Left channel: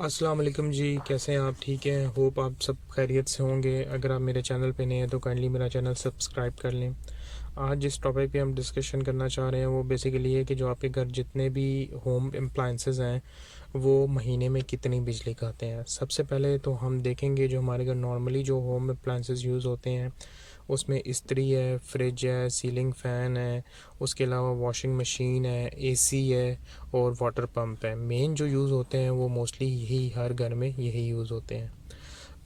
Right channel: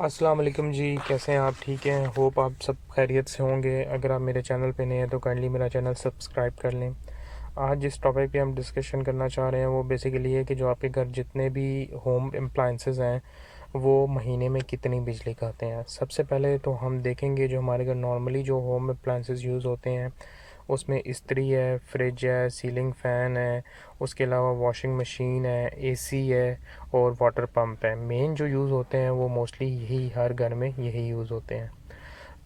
अस्सलाम वालेकुम जी, कैसे हैं आप? ठीक हैं? होप आप सब खैरियत से होंगे। अगर आप मेरे चैनल पे नए हैं तो काइंडली मेरा चैनल सब्सक्राइब कर लें। आज जिस टॉपिक पे हम डिस्कशन करना चाह रहे हैं वो बेसिकली है कि जो आपके घर जितने भी होम अप्लायंसेस हैं वो महीने में कितनी बिजली खाते हैं। सबसे पहले तो हम देखेंगे जो हमारे घर नॉर्मली जो होम अप्लायंसेस यूज़ होते हैं उसमें इस्त्री है, फ्रिज है, सीलिंग फ़ैन है, उसके अलावा वॉशिंग मशीन है, एसी है और वाटर पंप है। मेन जो यूज़ होते हैं वो मोस्टली यही हर घर में यही यूज़ होते हैं।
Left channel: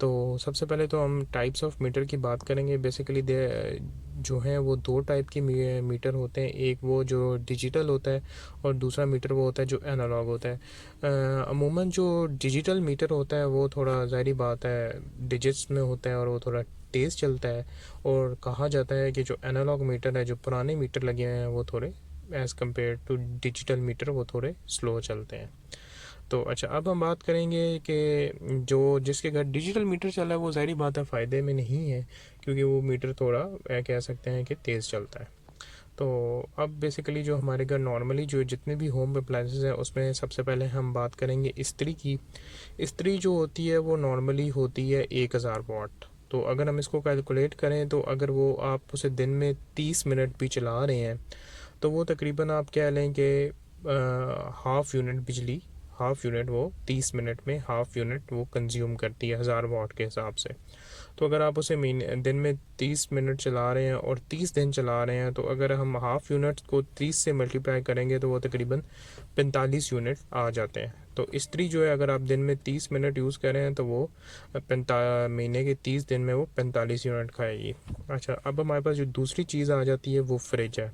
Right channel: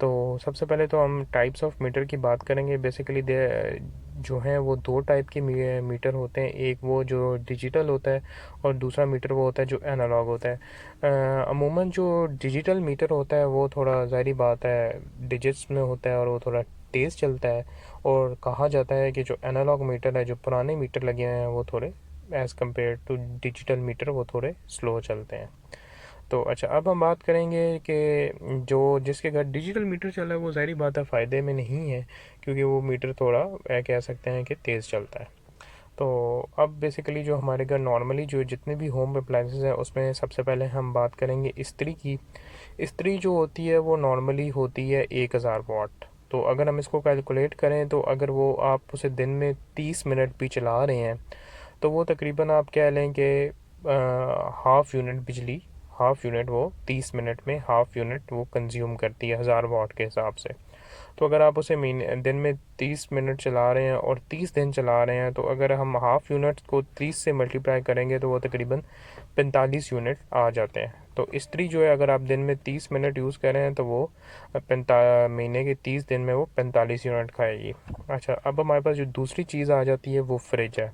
तो सबसे पहले तो हम टाइप्स ऑफ मीटर की बात करेंगे। बेसिकली दे जो हैं वो दो टाइप के मीटर होते हैं। एक वो जो डिजिटल होता है और दूसरा मीटर वो होता है जो एनालॉग होता है। अमूमन जो डिजिटल मीटर होता है वो थोड़ा ज़ाहिरी बात है डिजिट्स में होता है और वो थोड़ा तेज़ चलता है। और कहा जाता है कि जो एनालॉग मीटर है, जो पुराने मीटर लगे हुए हैं, वो थोड़े as compare to digital meter वो थोड़े स्लो चलते हैं। तो अच्छा, अब हम बात करेंगे कि जो जिसके घर डिजिटल मीटर चल रहा है वो ज़ाहिर बात है फ़ायदे में नहीं है, क्योंकि वो मीटर थोड़ा कह सकते हैं कि तेज़ चलता है। तो अब बेसिकली जो हमारे घर नॉर्मली जो जितने भी होम अप्लायंसेस हैं उसमें सबसे पहले हम बात करेंगे इस्त्री की। इस्त्री जो होती है वो नॉर्मली होती है 1000 वाट। तो अगर हम इसको कैलकुलेट करें तो अगर वो आप उसे दिन में 30 मिनट भी चला रहे हैं तो वो तकरीबन आप कह लें कि हाफ़ यूनिट बिजली, हाफ़ यूनिट वो 30 मिनट में हाफ़ यूनिट वो कंज्यूम करती है 1000 वाट के हिसाब से। तो अगर आप उसे महीने दिन में 30 मिनट चला रहे हैं और 30 दिन चला रहे हैं तो अगर हम हाफ़ यूनिट को 30 से मल्टीप्लाई करेंगे तो वो तकरीबन 45 यूनिट आ जाते हैं। तो इस्त्री जो है अगर आप दिन में 30 मिनट यूज़ कर रहे हैं तो वो महीने के 30 दिन में वो 45 यूनिट खाएगी। अच्छा, अब हमारे पास जो दूसरी चीज़ आ जाती है वो फ्रिज है।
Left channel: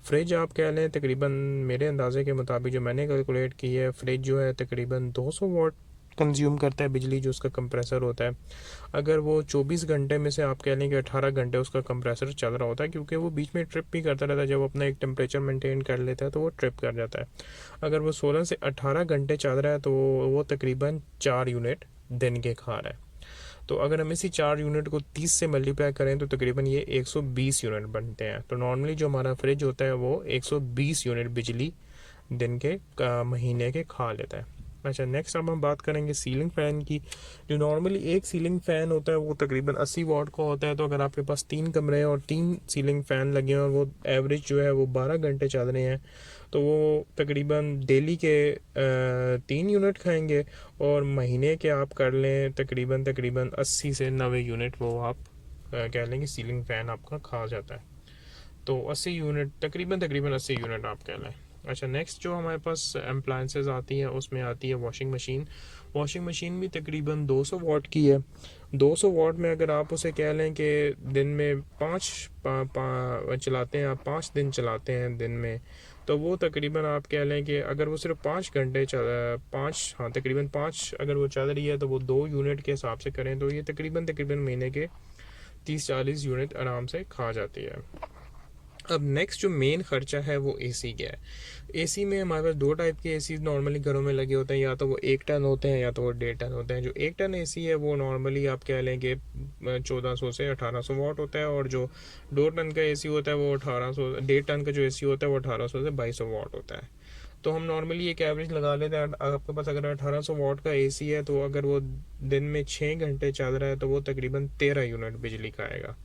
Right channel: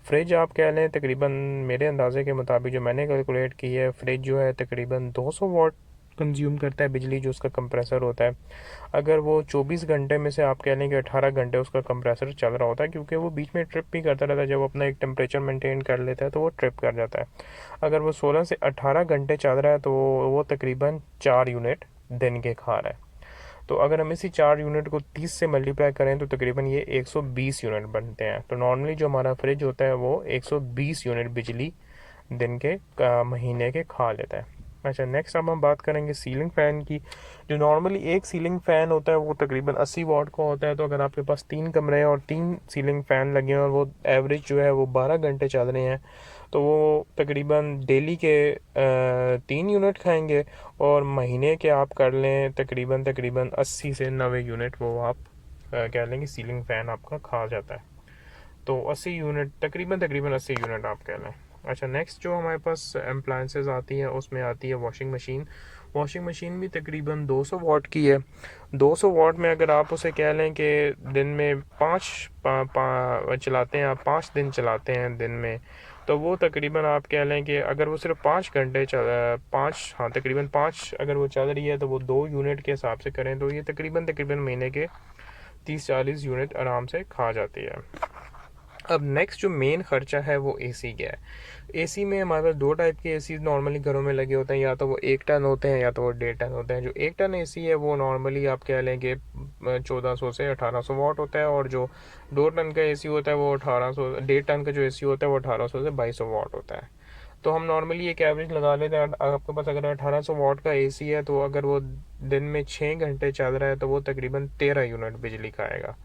फ्रिज आप कह लें तकरीबन मेरे अंदाज़े के मुताबिक जो मैंने कैलकुलेट की है, फ्रिज जो है तकरीबन 200 वाट कंज्यूम करता है बिजली, जो उसका कंप्रेसर होता है। अगर वो 24 घंटे में से आप कह लें कि 18 घंटे उसका कंप्रेसर चल रहा होता है, क्योंकि वो बीच में ट्रिप भी करता रहता है। जब वो अपना एक टेम्परेचर मेंटेन कर लेता है तो वो ट्रिप कर जाता है। अगर वो 16 से 18 घंटे चल रहा है तो वो तकरीबन 4 यूनिट दिन के खा रहा है। तो अगर हम इसी 4 यूनिट को 30 से मल्टीप्लाई करें तो तकरीबन ये 120 यूनिट बनते हैं। तो नॉर्मली जो हमारा फ्रिज होता है वो 120 यूनिट बिजली दिन के महीने के खा लेता है। अच्छा, नेक्स्ट अब हम बात करेंगे सीलिंग फ़ैन की। जो नॉर्मली एक सीलिंग फ़ैन होता है वो तकरीबन 80 वाट का होता है। तो अगर आपके पास 3 कमरे हैं और 3 सीलिंग फ़ैन लगे हैं और वो एवरेज जो है वो 12 घंटे चल रहे हैं तो वो तकरीबन डेली के 3 यूनिट खाएंगे। और महीने के आप कर लें तकरीबन तकरीबन 80 से 90 यूनिट वो आप कह लें कि सीलिंग फ़ैन आपका खा जाता है। तो 80 यूनिट तकरीबन तकरीबन 80 यूनिट आप कह लें। अच्छा, नेक्स्ट जो हमारे पास अप्लायंसेस आती हैं उसमें आती है वॉशिंग मशीन। वॉशिंग मशीन भी तकरीबन 200 वाट की है। 200 वाट में अगर आप उसे कह लें कि दिन में चलाते हैं, आप 5 दिन चलाते हैं दिन में, तो वो तकरीबन आप कह लें कि अगर वो सिर्फ 5 घंटे पाँच, हाँ तकरीबन 5 अगर वो चल रही है तो वो 2 यूनिट के हिसाब से करें तो ये तकरीबन तकरीबन महीने के 30-40 यूनिट आराम से खा जाती है। अब नेक्स्ट जो मेन खर्चा है वो एसी का है। एसी में हमारे पास दो टाइप के एसी नॉर्मली घरों में लगे होते हैं, या तो वो 1 टन होते हैं या तो वो 1.5 टन होते हैं। जो 1 टन एसी है वो नॉर्मली आप कह लें कि 1400 से 1800 वाट होता है, और जो 2 टन का एसी होता है वो 1800, 1.5 टन का जो एसी होता है वो 1800 से 2200 वाट होता है। तो हम नॉर्मली एक एवरेज लगा लेते हैं। आपके पास अगर 1800 वाट का एसी है तो अगर वो दिन में 6 घंटे चल रहा है तो वो तकरीबन 13 यूनिट बिजली खाएगा।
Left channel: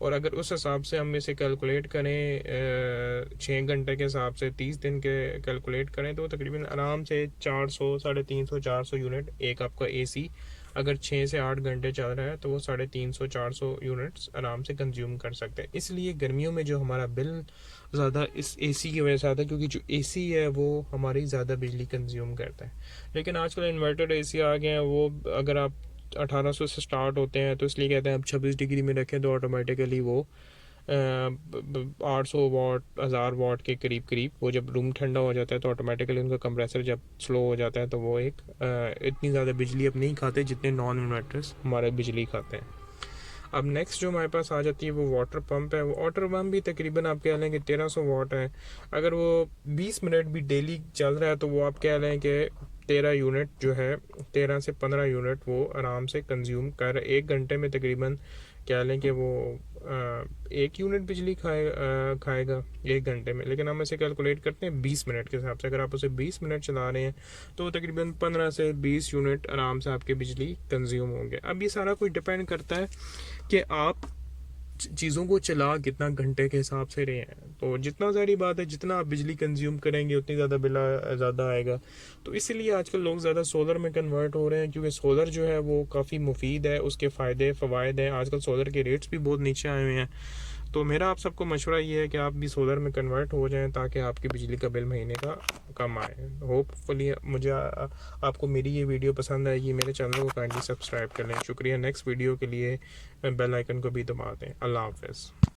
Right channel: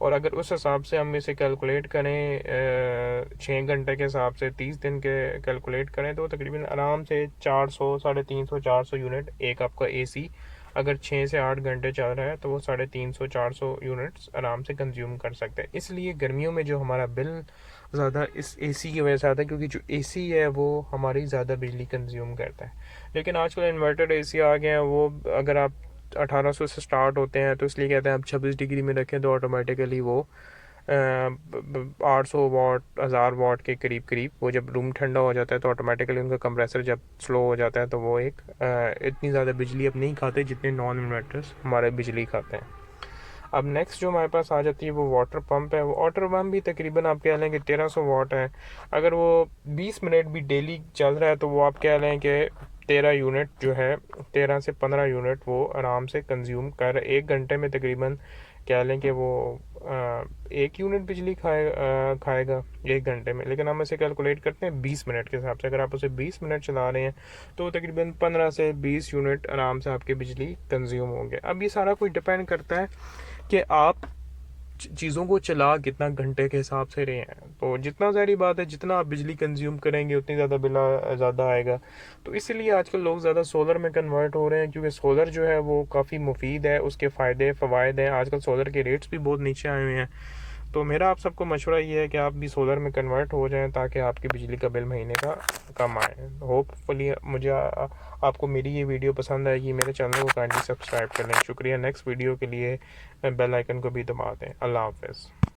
और अगर उस हिसाब से हम इसे कैलकुलेट करें 6 घंटे के हिसाब से 30 दिन के कैलकुलेट करें तो तकरीबन आराम से 400, 350, 400 यूनिट एक आपका एसी अगर 6 से 8 घंटे चल रहा है तो वो 350, 400 यूनिट्स आराम से कंज्यूम कर सकते हैं। इसलिए गर्मियों में जो हमारा बिल ज़्यादा इस एसी की वजह से आता है, क्योंकि जो एसी है वो हमारी ज़्यादा बिजली कंज्यूम करता है। लेकिन आजकल इन्वर्टेड एसी आ गए हैं, वो अगर आप 1800 से स्टार्ट होते हैं तो इसलिए कहते हैं आप 26 डिग्री में रखें तो ऑटोमेटिकली वो 800 वाट, 1000 वाट के करीब करीब, वो जब रूम ठंडा हो जाता है तो ऑटोमेटिकली उनका कंप्रेसर जब स्लो हो जाता है तो वो एक इतनी ज़्यादा बिजली अब नहीं खाते जितने नॉन इन्वर्टर्स हमारे बिजली खाते हैं। अब नेक्स्ट जो हमारे पास आ जाती है वो वाटर पंप है। वो वाटर पंप भी तकरीबन आप कह लें कि 1300 वाट है। अगर वो 20 मिनट भी डेली चल रहा है तो वो आप कह लें कि 13 यूनिट जो है, 13 से 15 यूनिट वो आराम से कंज्यूम कर 1 घंटे में तकरीबन कह लें कि वो 1 यूनिट बिजली खाएगा 1 घंटे में, लेकिन हम इसे कैलकुलेट करते हैं 20 मिनट के हिसाब से। अगर आप उसे 20 मिनट चला रहे हैं तो तकरीबन 15 से 20 यूनिट आराम से आपकी बिजली कंज्यूम होंगे। अब ये सारा कुछ डिपेंड करता है कि आप चीज़ों को चला कितना घंटे के हिसाब से रहे हैं। तो जितना ज़ाहिर बात है, जितना आप बिजली कंज्यूम करेंगे उतनी ज़्यादा बिल ज़्यादा आएगा। तो इसीलिए आजकल लोग ज़्यादा सोलर में कन्वर्ट हो रहे हैं, क्योंकि सोलर जो है वो काफ़ी मुफीद है, उसके फ़ायदे फ़वाइद हैं। आजकल सोलर के रेट्स भी बहुत नीचे आए हुए हैं। तो मेरा आप सबको मशवरा ये है कि आप भी सोलर में कन्वर्ट हो जाएं ताकि आपकी बिजली का बिल महीने का कम आए। होपफुली आपको मेरी ये वीडियो पसंद आएगी। मेरे चैनल को काइंडली सब्सक्राइब कर लें। शुक्रिया। नेक्स्ट वीडियो के लिए बेल आइकन को भी दबा दें। अल्लाह हाफ़िज़।